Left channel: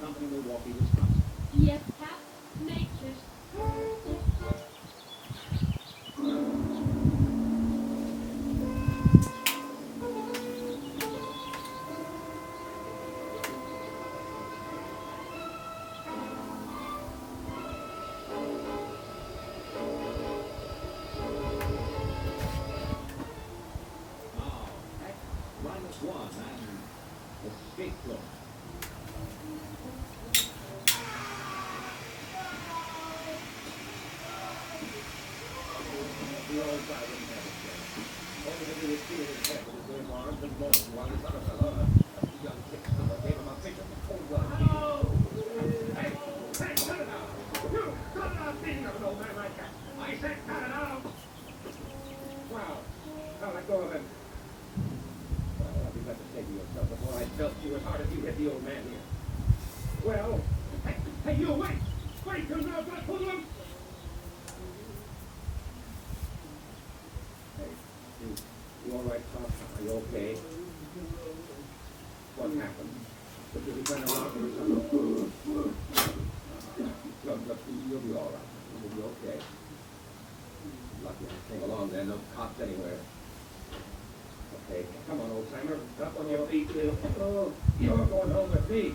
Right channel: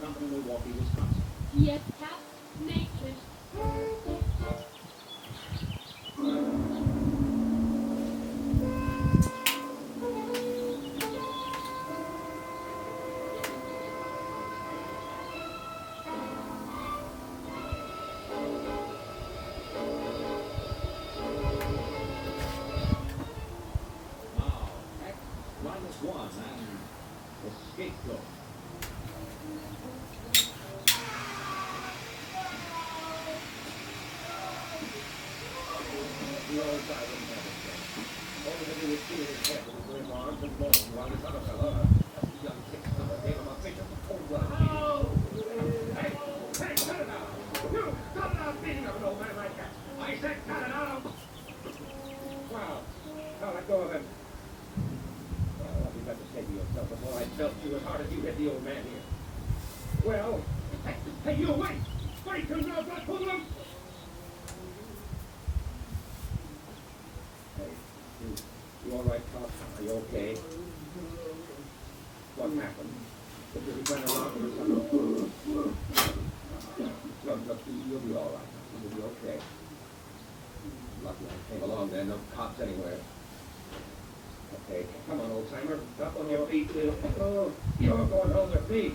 Company, Milwaukee, Wisconsin. Yes, Cap. Nature's Now, X -1 and escape flow. The old guy wouldn't have it then. All he could do was feel his head with his limp arms and moan while this other fellow, a young kick-stopper, gave him a bishop of cold-blooded beating. Hey, cut it out! You, cut it out beating of an old man like that! I said cut it out! Wow, now let go of him. Well, I'll be glad to say to yourself before I felt you as hard as you hit the old man here. Well, hey, you, wait! Wait, you know that hoodlum! Hey, you all right, Pop? Are you okay? What happened? Did he run around or something? Look, you'll be all right. You'll be okay. Lucky I came along then. No cops anywhere. Okay, come on, old-timer. Up on your feet, Lou. Oh, you're going home with me.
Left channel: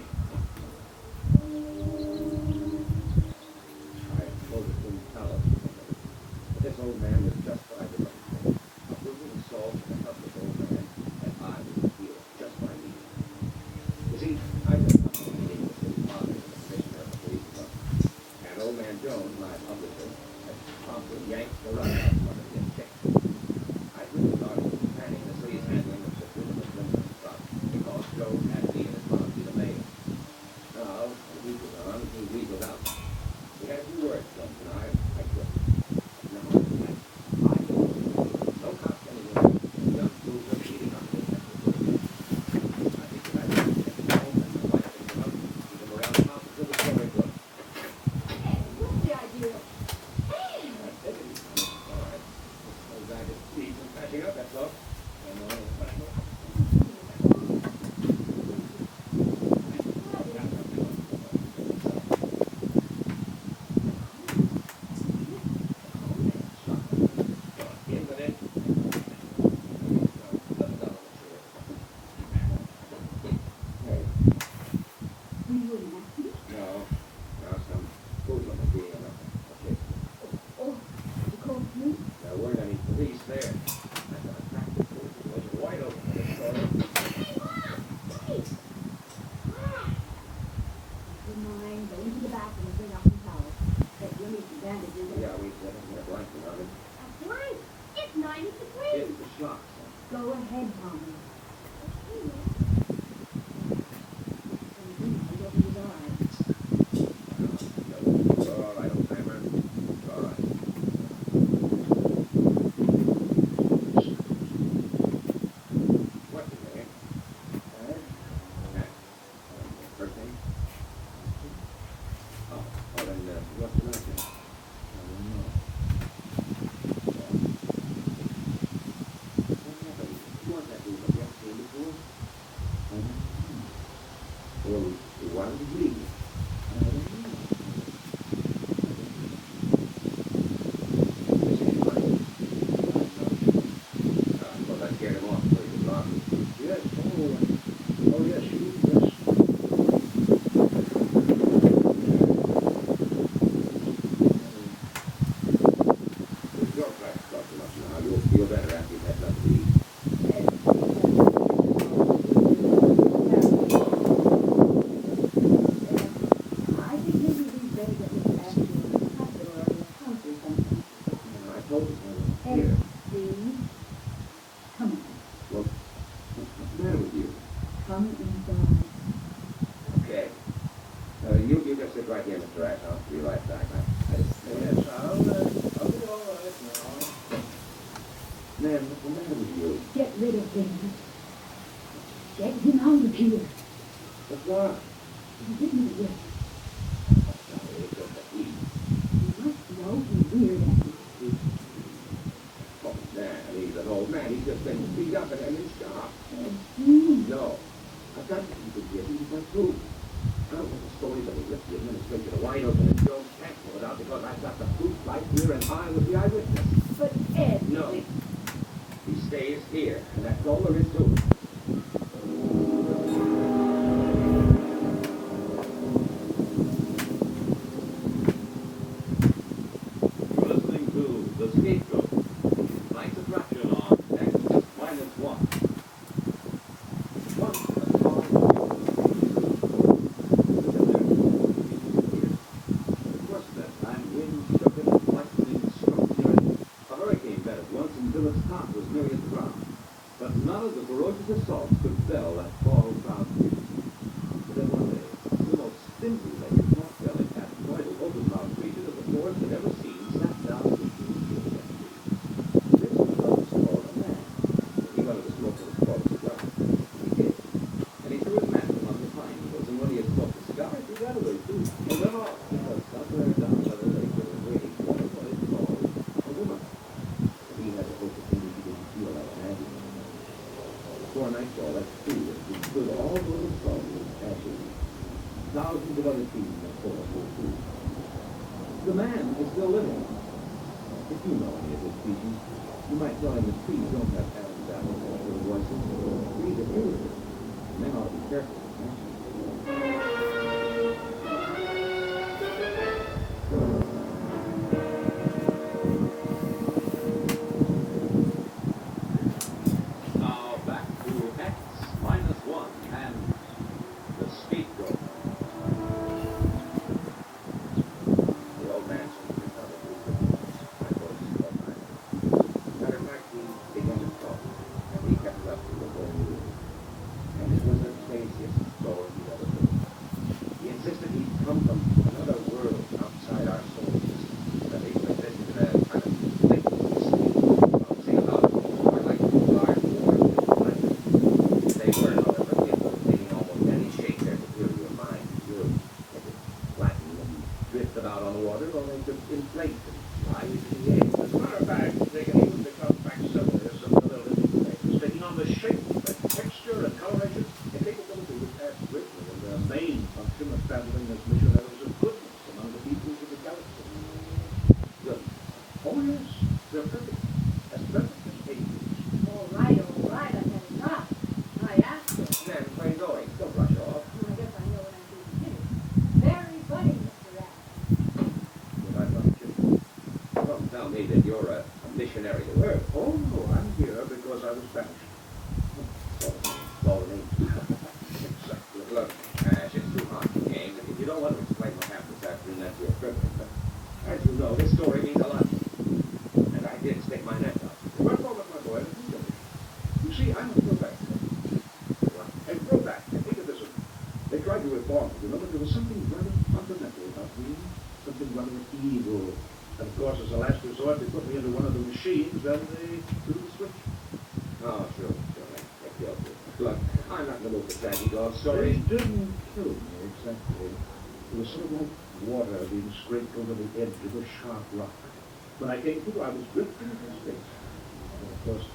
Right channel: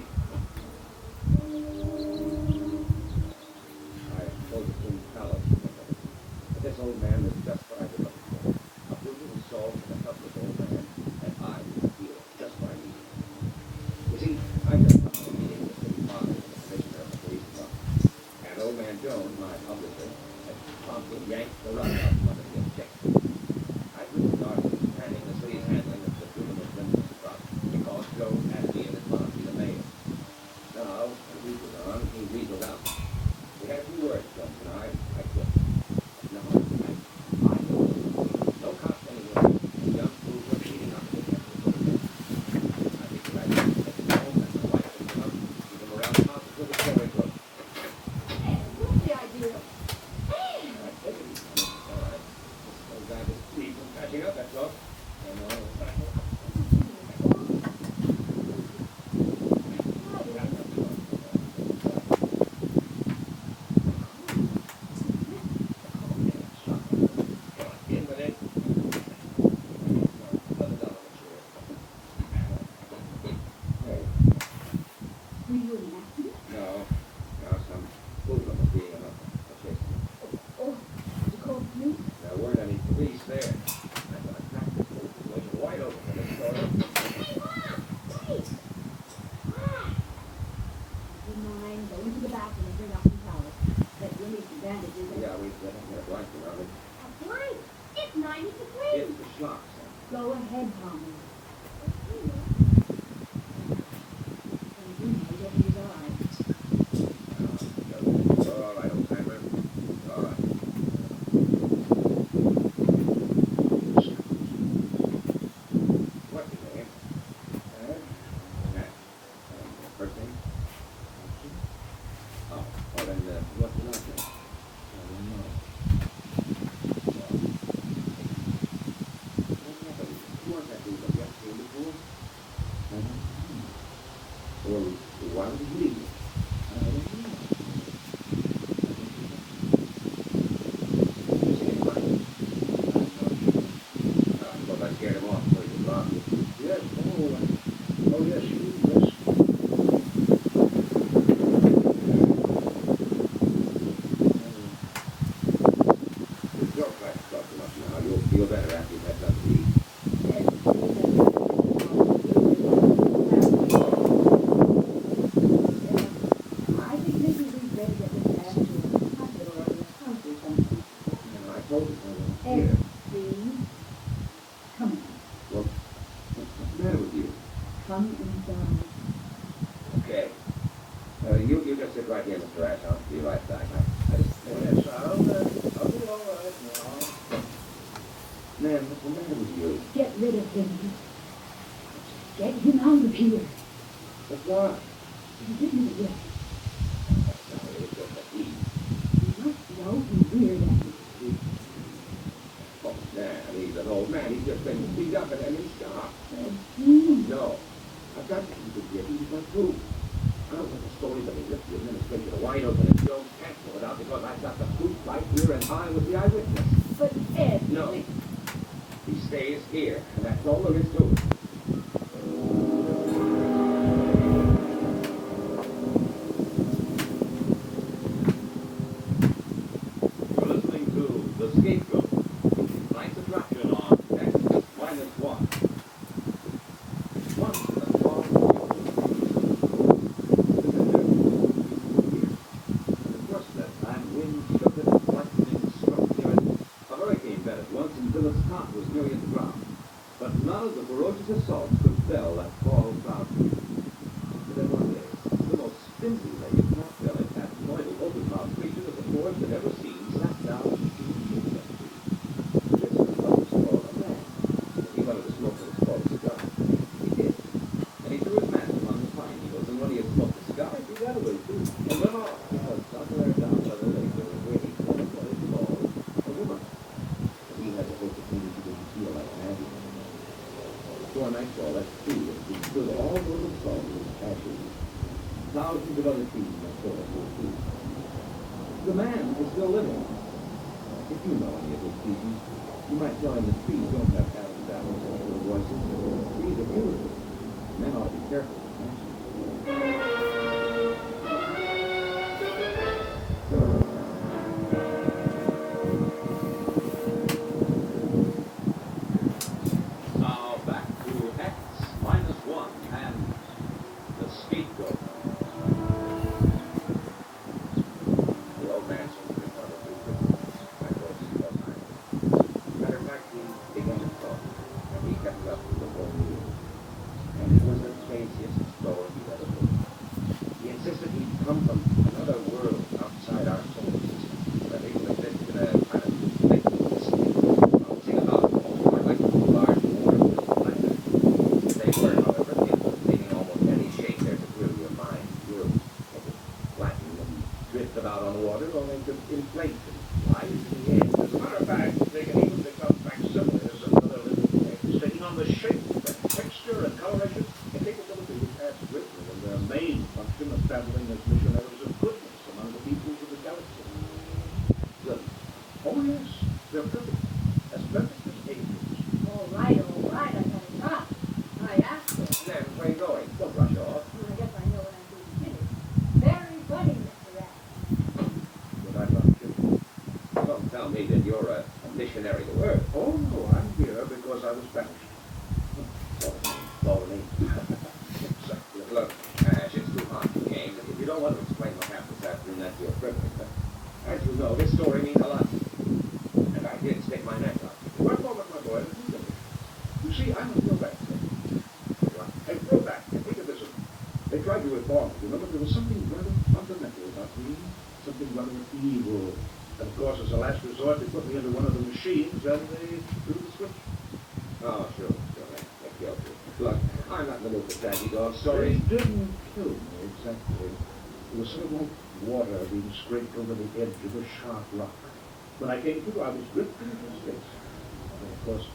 I suppose it's in palace. But this old man was just what I've been looking for. A brutal assault and a helpless old man that I would feel just what I needed. You see, I just come from a meeting with the city father and the commissioner of the police department. And old man Jones, my publisher, had promptly yanked the rug out from under his check. I couldn't start planning the city's handling of the criminal Clinton problem because Joe had to be in his policy the mayor. Now, a week was on, he weaseled out. We had a few words from him, and I quit. No, I no cops anywhere. Young fools were beating up the check. I think that I should get home and my wife picked him up, keep him around the house until the story broke. Hey, what's the idea? Hey! I said it. All right. Those guys just need some patching up, that's all. I know, but I know. In with it. $11 a share. Hey, Were you in an accident? no, some hoodlum was beating him up. Okay. Oh, did you call the police? There weren't any police there. I thought I cracked this whole situation wide open when it started. Hey, Mom! Wait! Mom! Never mind. Go into the bathroom and bring out some towels. But you'll need some bandages. Yeah, we said I'm going to blanket on it. That's right. It's 90 degrees. It's the schlocks. Go ahead, Tommy. Okay, Mom. You don't need our eyes. You're all right, old timer. You're all right. What's your name? Matt. First name? Oh, then what's your last name? I don't know. What happened? Who was that dude? Have you ever seen before? I don't know. Well, why did he leave? I don't know. Missing any money? I'm not sure. I suppose I scared him off so he could rob you. Yes, oh yes, yes. Your class talk too much now. You'll feel better after you've had something to eat. I think maybe we better get this back to a hospital or a house or something. I told you so. Hey, Here. Steve, come on. Well, what's the matter with you? Come inside. Okay. You just sit right here, Mr. Ash. I'll be right back. Yes, I'll be all right now. Man, what's the matter with you? Get rid of him. Get him out of here. But why? He didn't yet. Sorry, it's just a eat. You must know he's weird at it. Oh, man, he's an old man. He's just been beat up and he's shot. And he... No. I've got to keep it here. He's my food. I don't want to drink it wide open and Joe can't pull it out because I've got the proof right here and I was the eyewitness. But Ed... No. He stays here, and that's all there is to it. You're listening to The Scapegoat. Tonight's attraction on X-1. Once a tall, of course, at that time, wind shook it and lightning struck near it. A hurricane bed at once until its top was nearly at the ground. But none of the ferocious assaults could fell that tall, proud tree. But then one day, the most spindly-legged, pot-bellied, adenoidal, open-mouthed creature that the forest had ever seen sat down in the tree of that tree. This was what was called a man. He wanted to smoke what was called a cigar. He did. And he threw his mask among the pine needles, and when he had smoked a cigar, he threw that away too. And went off, because somewhere down by the lake there was waiting for him what is called a woman. And he had the hope that maybe he didn't feel like Maggie. Before nightfall, that tree had been stood all over the salt with ashes. Thousands of other trees in the forest were too. The man is still living. If you know any of his species, you might tell him that trees don't have Adam's apples or little voices. Trees are beautiful. Men ought to be careful. Now back to X-1 and the scapegoat. The old man seemed to be probably good. My voice was high. Matter of fact, he began to talk, and we kept up with the whole meal. And it was the craziest story he'd ever heard. He insisted he'd come from another world outside our solar system, that people existed in a kind of liquid state. I'll sing about it more, like large water-filled planets. They were, however, capable of taking almost any shape their superior mind would. They could flatten and drift about on the water, or they could inflate and fly into the air. As a matter of fact, they can even become facsimiles of other living things, taking on the shape and texture and coloration and capability which adds greatly in their main function of traveling as missionaries of goodness among the peoples of the galaxy. Good. Oh yes, they're perfect. As perfect as angels. All right, I've had enough. I asked her. Then, where are you going? Don't rush off. Well, I guess I know when I'm being finished. Very funny, Mr. X. But I'm not kidding. Don't tell me that you're a missionary to Earth. Oh, no, I'm here because I was banished. Lonely. Exactly. Look, Ash, it's too hot to game. If you don't want to explain what happened this afternoon, that's your privilege. But as you know, this story means a lot to me. And I did stick my neck out. One moment, my boy. You see, I'm a throwback. And throwback, think of this. They tried to reform me, you know, but there was something rather fundamental about me. Something rather evil. And of course, as a last resort, they put me into one of the machines and they threw the switch. Oh, sure. They killed me. Look, I'm not in the mood for tragedy dog stories. They didn't kill me, exactly. It was sort of like water being scraped over the edge of a sharp rock. When I came to, I was drifting into space. And of course...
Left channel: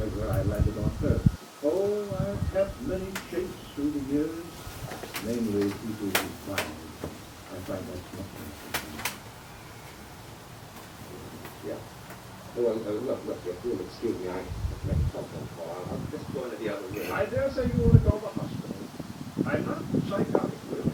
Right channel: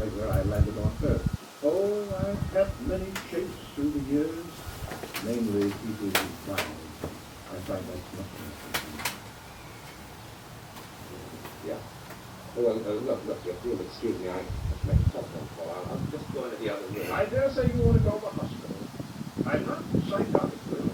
later I landed on Earth. Oh, I've had many shapes through the years, namely people who find. I find that much interesting. Yeah. Well, look, if you'll excuse me, I have to make a telephone call. I'll just go into the other room. I dare say you want to go to the hospital. I'm not psychotic, really.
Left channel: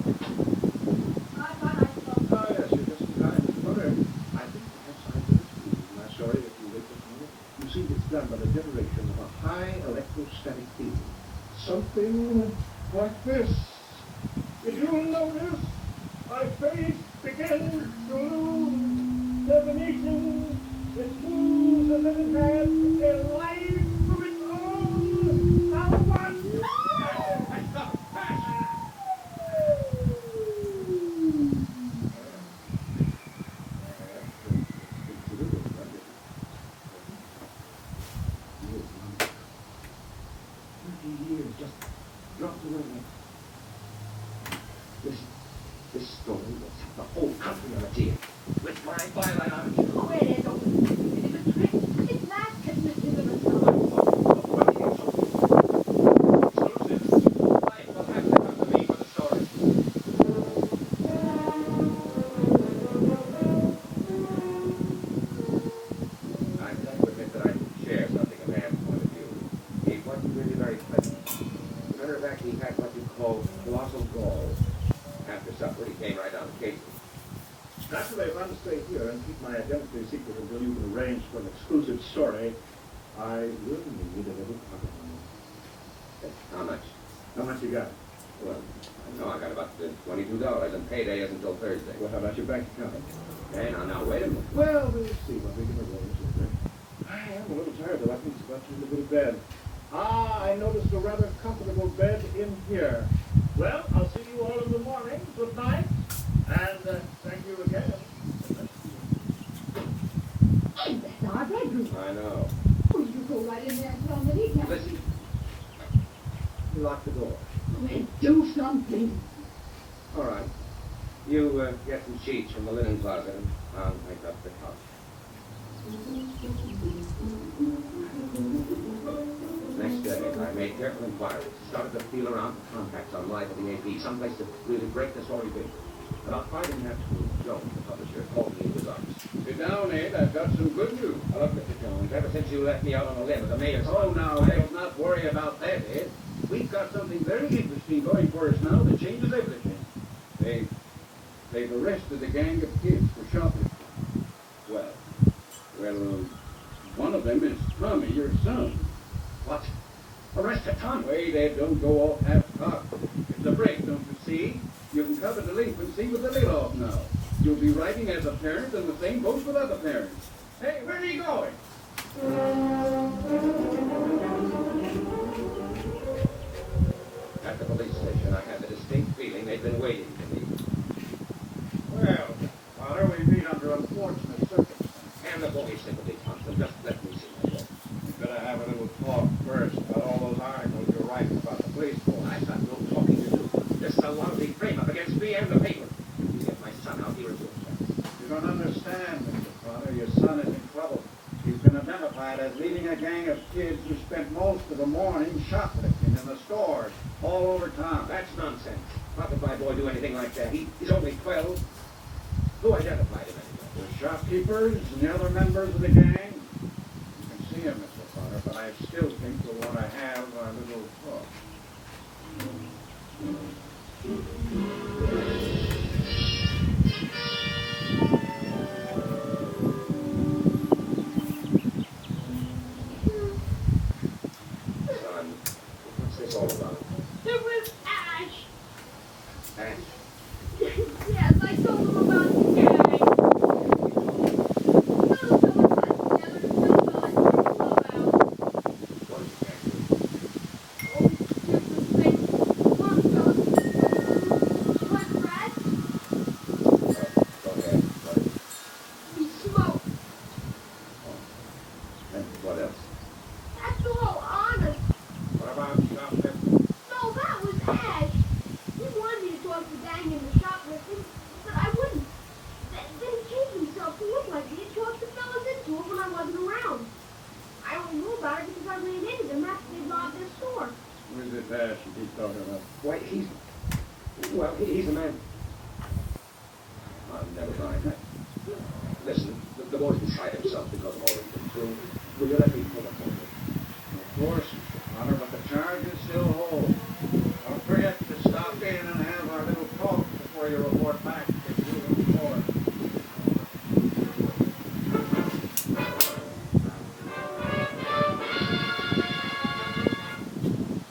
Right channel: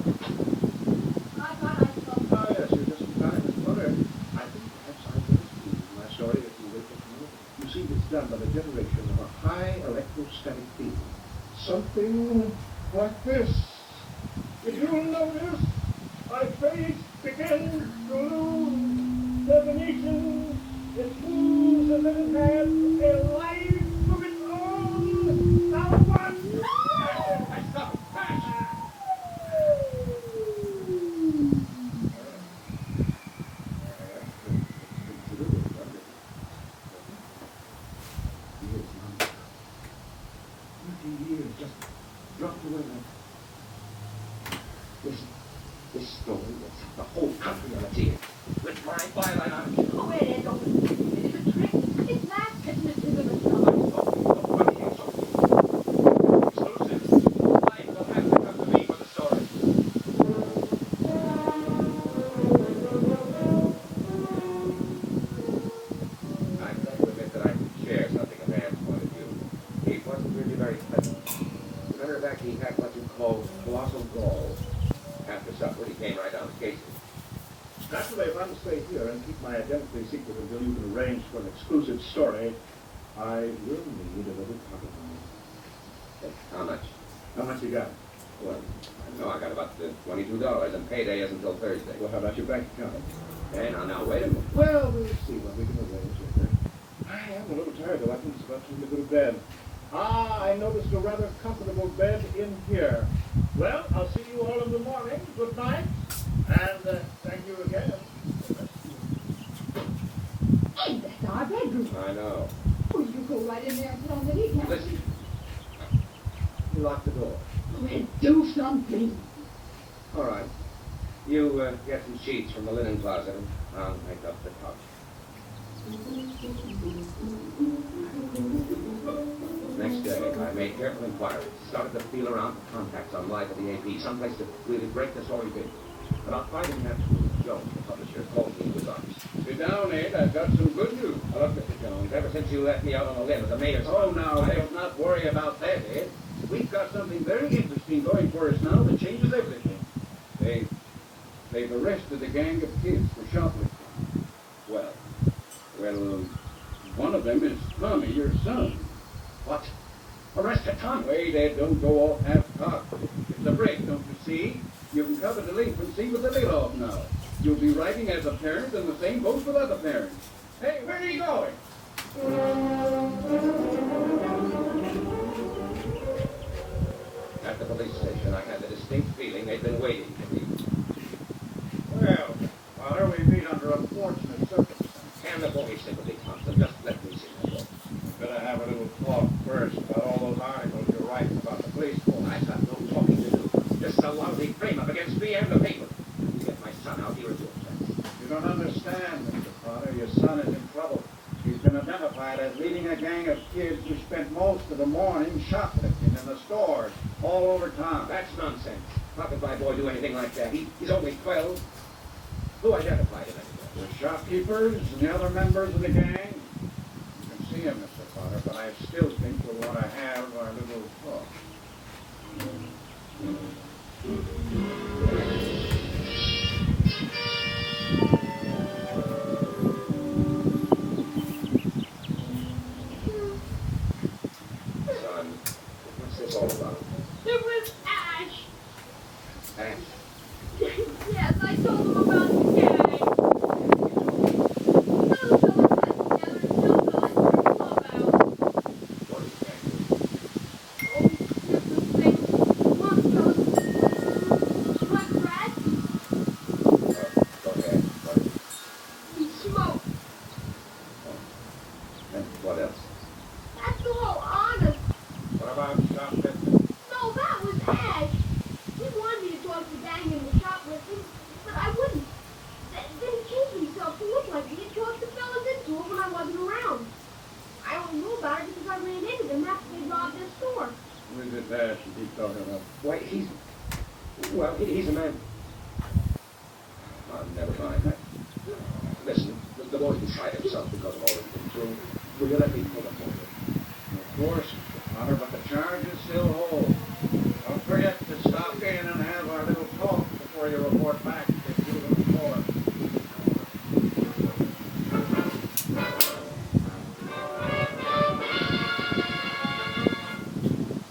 I thought I saw. Oh, yes, you're just in time, Miss Butter. I think perhaps I better excuse my story if you wait just a minute. You see, it's done by the generation of a high electrostatic field. Something like this. Did you notice? My face began to lose definition. It moves as if it has a life of its own. Now what? I stop. Years just dropped away like This story will set the whole country on its ear. With my byline on it. Oh, it is open. It's a trick. It's last hypnotism or I'm something. talking about what he is talking. Exclusive. Life will have to come to me for the story. I have to admit that I could share something of Anne's point of view. He wasn't really very pleasant. As a matter of fact, he had what you call colossal gall. After supper, he came right down to Casey. naturally, if I'm to stay here and keep my identity secret until you can arrange for an exclusive story, I will need a little pocket money. How much? How much you got? Well, I know I got about $22, and payday isn't until Thursday. Well, how about your bank account? Okay, now, wait a minute. Well, we'll see what we can arrange later. I am a little tired, though. I think it's about time to go to bed. Ah, I noticed a rather comfortable bed in here. Well, I'll see you all in the morning. Good night. And thank you again. Hey, that's our bedroom. I know. Oh, you go right in there and tell them that he can't. Listen. You lock the door. Go ahead, do something. All right. You get some sheets from the linen closet, and I'll make up the couch. Next day, I made careful inquiries, started to feel around for contacts on live at the AP, someplace to really break the story big. About 5 1/2 schools, Jones, the publisher, called me into his office. Sit down, Ed. I've got some good news. Look, Mr. Jones, ever since you left me out on a limb at the mayor's... Oh, now, let's not worry about that, Ed. We've got something very interesting going for us now that changes everything. They've arrested a gang of kids for shoplifting. Well, One of them is Tommy, your son. what? Arrested Tom? Wait, Ed, don't go off half-cocked. It's a break, don't you see? You can cover delinquency with the layoff now. You'll be writing as a parent, and the same goes with other parents. Hey, where are you going? At the police station, I had the distinct feeling they'd been waiting for me. Well, Father, we meet under unfortunate circumstances. And the boy sympathy, Thompson, just let me see my book. We better have a little talk first about all those articles you're writing about the police force. I've got no talking to do. This is a lousy frame-up against me and the paper. You get my son out here and do it. You don't understand, Mr. Potter. Your son is in trouble. He's been identified as leading a gang of kids who spent most of the morning shoplifting in the stores all over town. That's nonsense. How could my boy do anything like that? He's only 12. Who identified him anyway? The shopkeepers and the other members of the gang. You can see him, Mr. Potter, but I still think we'll want to have our little talk. Son, what's this all about? It was Ash. Ash? Yes, I told him about the gang. No, so it's us together and still feel like we're a clubhouse. What did the gang do? Oh, different things. One goes one rat. Go ahead. What is it? We smoke. And what else? That's all honest. What about shoplifting? fired because I ran into them after they robbed their store. Where's this ass you keep talking about? Why, he's a man. Oh, never mind. Listen, the boy decided himself because of all he's been through. Will you let me pull him over? Of course, Mr. Potter, but the charges still hold. Don't forget to stop in and have our little talk before you report back to juvenile court.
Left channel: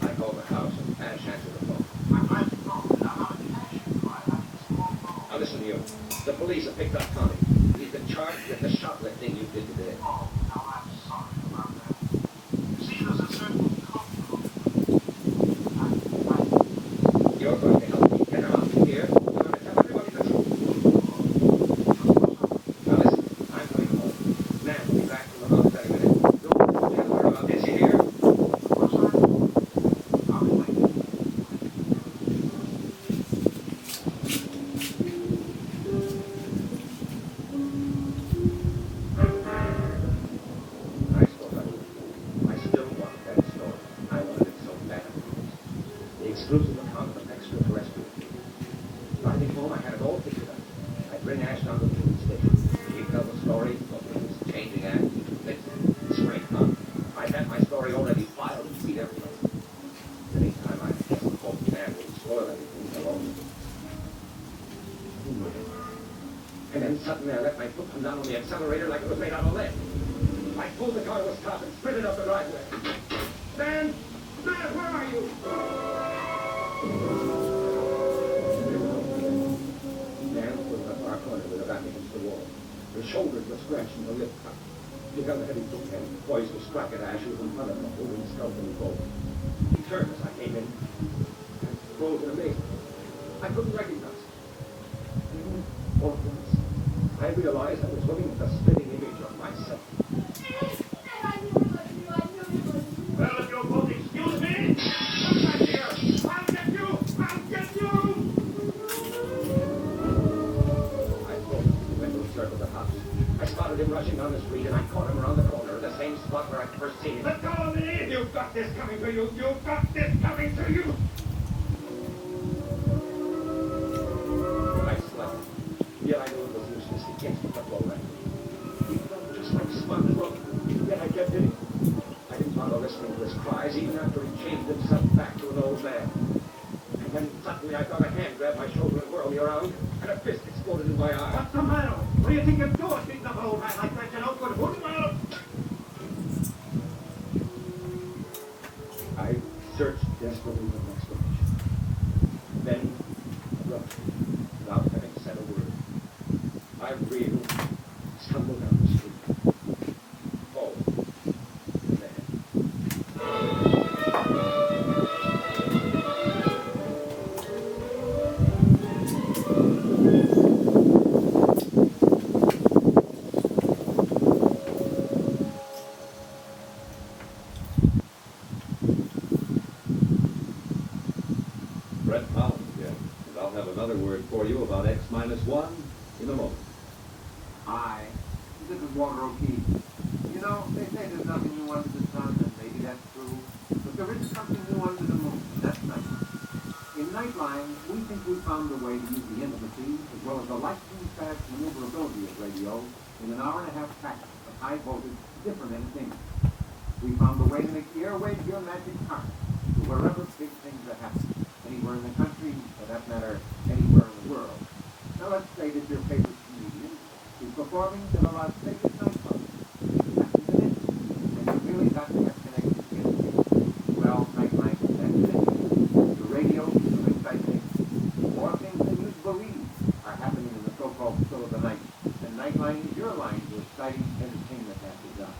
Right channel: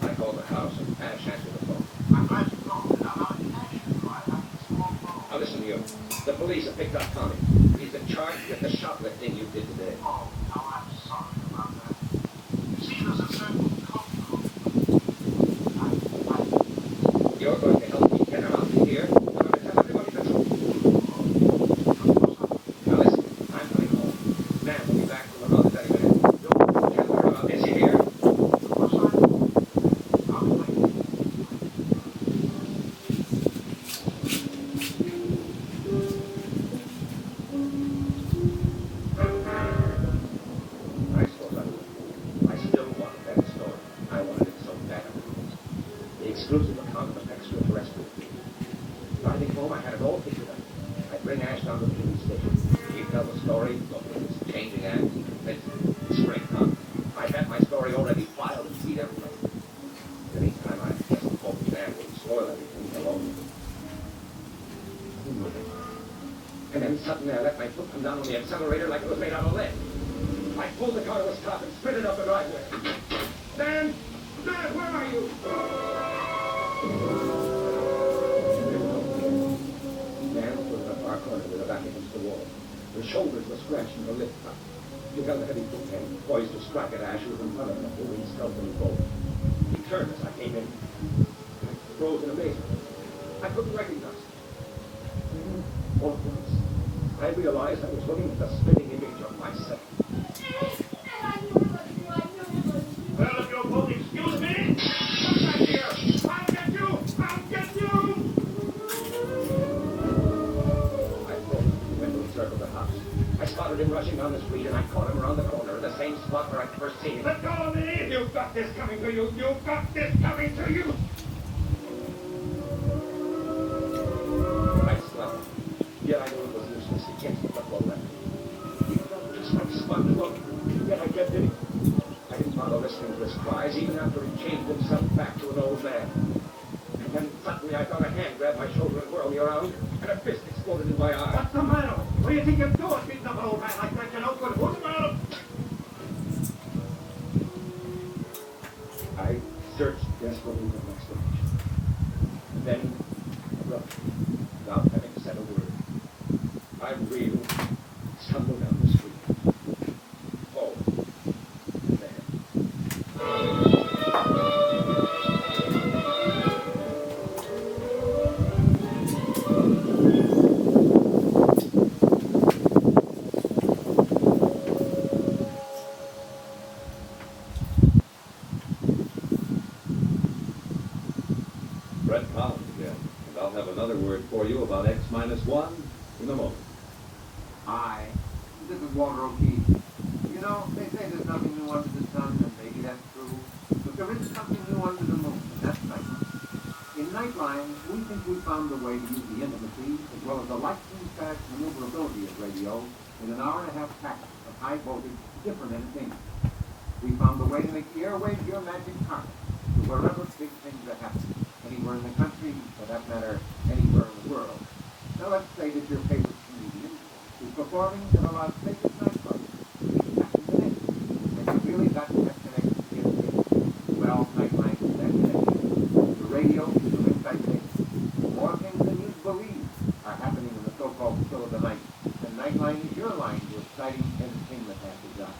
I called the house and Ash answered the phone. Now listen to you. The police have picked up Tommy. He's been charged with the shoplifting you did today. Oh, now I'm sorry about that. You see, there's a certain code. You're going to help me get him out of here. I'm going to tell everybody the truth. Now listen, I'm going home. Nan will be back from the office any minute. Don't tell her about this, you hear? I suppose I would. I still want that story. I wanted it so bad. The exclusive account of an extraterrestrial being. Driving home, I had it all figured out. I'd bring Ash down to the police station. He'd tell the story, look at this changing act, springtime. I had my story already filed and beat everybody. Anytime I hadn't hoped Nan would spoil everything alone. And then suddenly I let my foot come down on the accelerator like it was made out of lead. I pulled the car to a stop and sprinted up the driveway. Dan! Dan, where are you? Dan was in a far corner with her back against the wall. Her shoulders were scratched and her lip cut. She held a heavy book hand, poised to strike at Ash, who was in front of her, holding his scalp in his bowl. He turned as I came in. I froze in amazement. I couldn't recognize him. All at once, I realized I was looking at the spitting image of myself. Well, if you'll both excuse me, come back here. I'll get you! I'll get you! I closed the window and circled the house. I spotted him rushing down the street, and I caught him around the corner, the same spot where I'd first seen him. Let go of me! You've got this coming to you! You've got this coming to you! I slept. Yet I knew it was useless. He can't put the blow left. He felt just like sponge. Look, yet I kept hitting. I didn't bother listening to his cries, even after he changed himself back to an old man. And then suddenly I felt a hand grab my shoulder and whirl me around, and a fist exploded in my eye. What's the matter? What do you think you're doing, beating up an old man like that? You know, good. What's the matter? I searched desperately for an explanation. Then, abruptly, without having said a word, I reeled, stumbled down the street. Forward. And there. Brett Collins again, and I'll have another word for you about X-1 in a moment. Hi, this is Walter O'Keefe. You know, they say there's nothing new under the sun, and maybe that's true. But there is something new under the moon, and that's Nightline. In Nightline, we think we found a way to use the intimacy, as well as the lightning-fast maneuverability of radio, in an hour-and-a-half packet of high-voltage, different entertainment. We found a way to make the airwaves your magic carpet to wherever big things are happening. Anywhere in the country, for that matter, anywhere in the world. Now let's say that your favorite comedian is performing to the Las Vegas nightclub. He's passing the net, and you really got to have connection to get it. Well, Nightline is that connection. The radio is your inside thing. More things than you believe are happening in the so-called still of the night. And Nightline is your line to exciting entertainment after dark.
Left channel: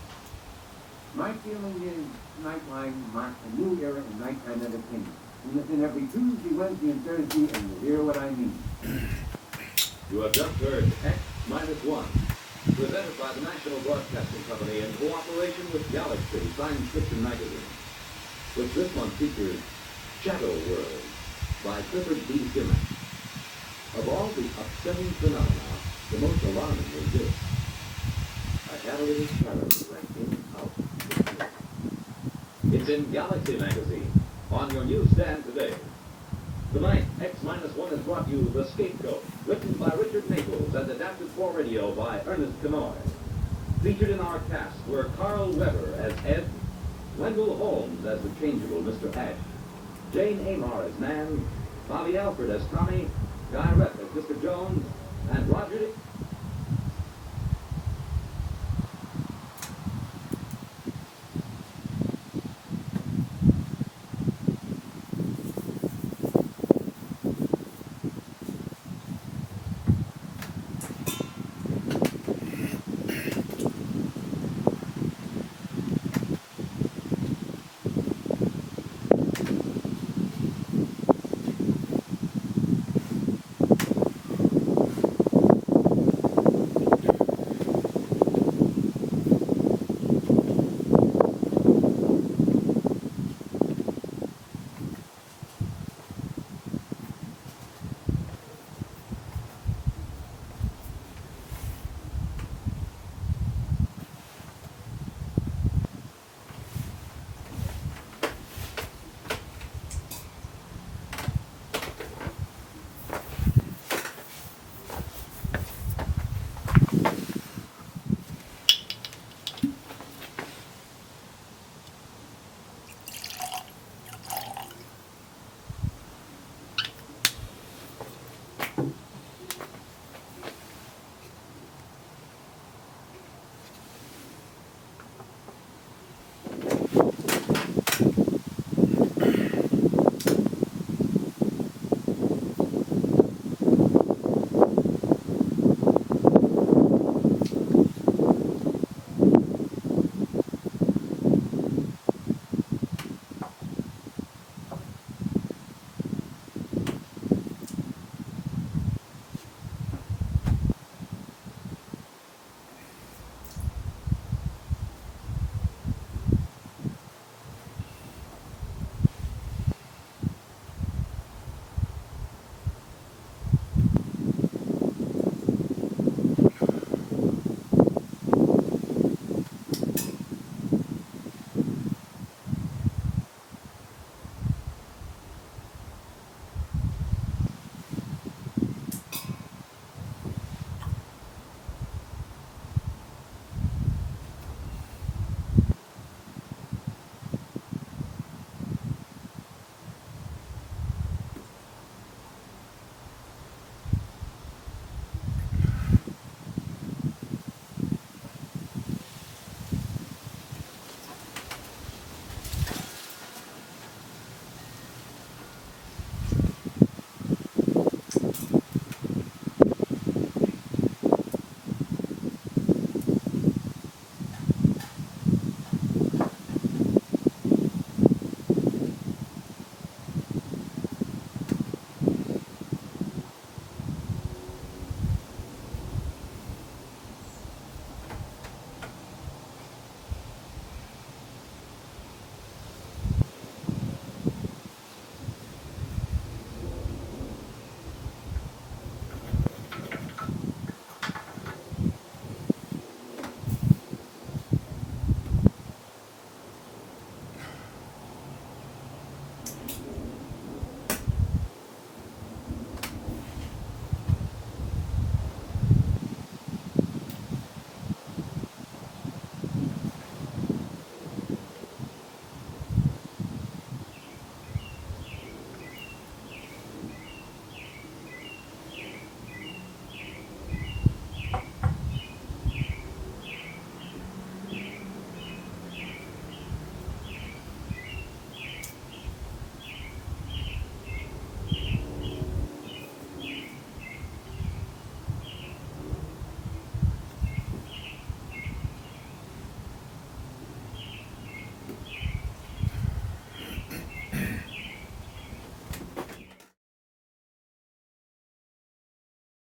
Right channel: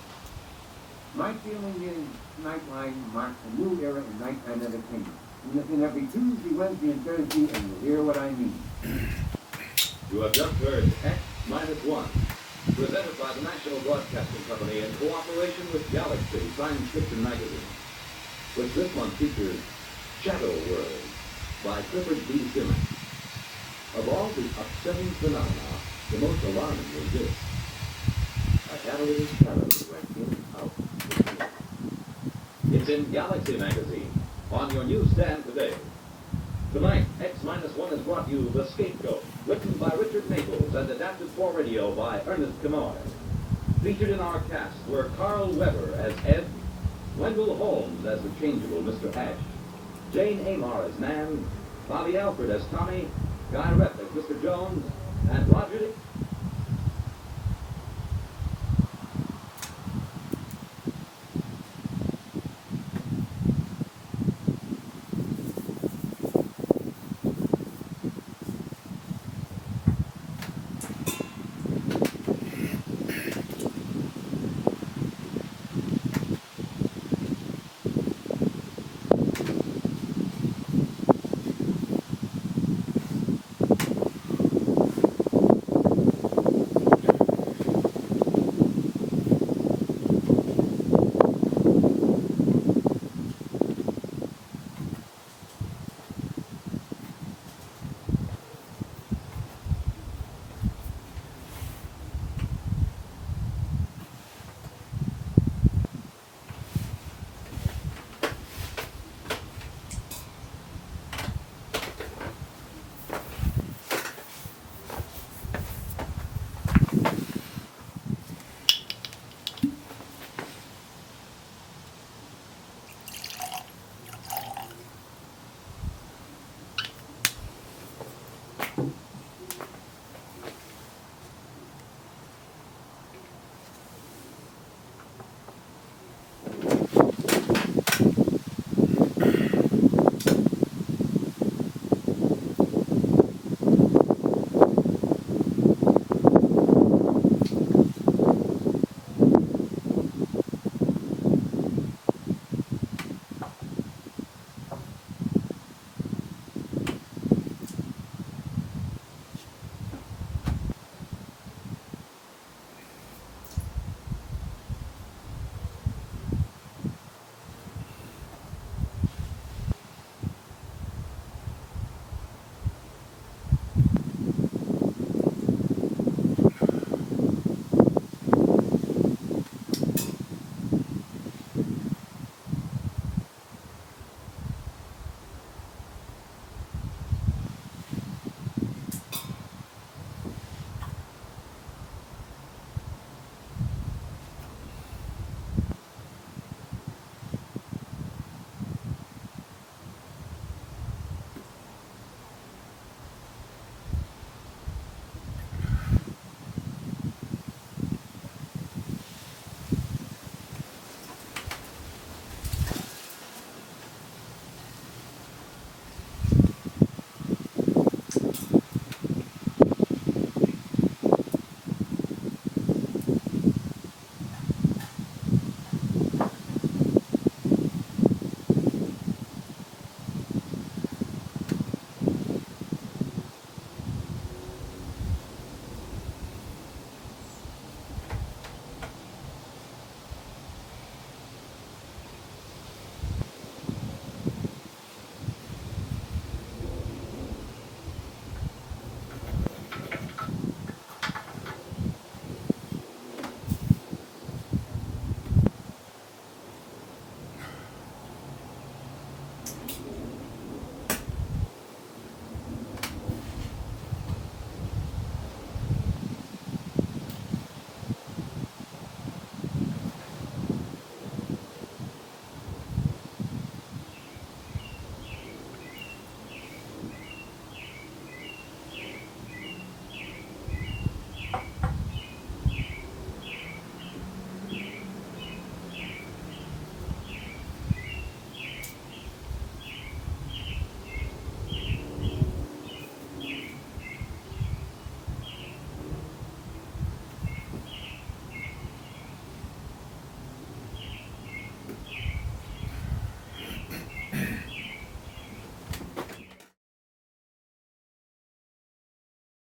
My feeling is Nightline marks a new era in nighttime entertainment. And listen every Tuesday, Wednesday, and Thursday, and you'll hear what I mean. You have just heard X-1, presented by the National Broadcasting Company in cooperation with Galaxy Science Fiction Magazine, which this month features Shadow World by Clifford B. Simmons. Of all the upsetting phenomena, the most alarming is this: a catalytic shadow went in out. It's in Galaxy magazine, on your newsstand today. Tonight, X-1 has brought you The Scapegoat, written by Richard Maples and adapted for radio by Ernest Kanoy. Featured in our cast were Carl Weber as Ed, Wendell Holmes as the changeable Mr. Ash, Jane Amar as Nan, Bobby Alford as Tommy, Guy Rep as Mr. Jones, and Roger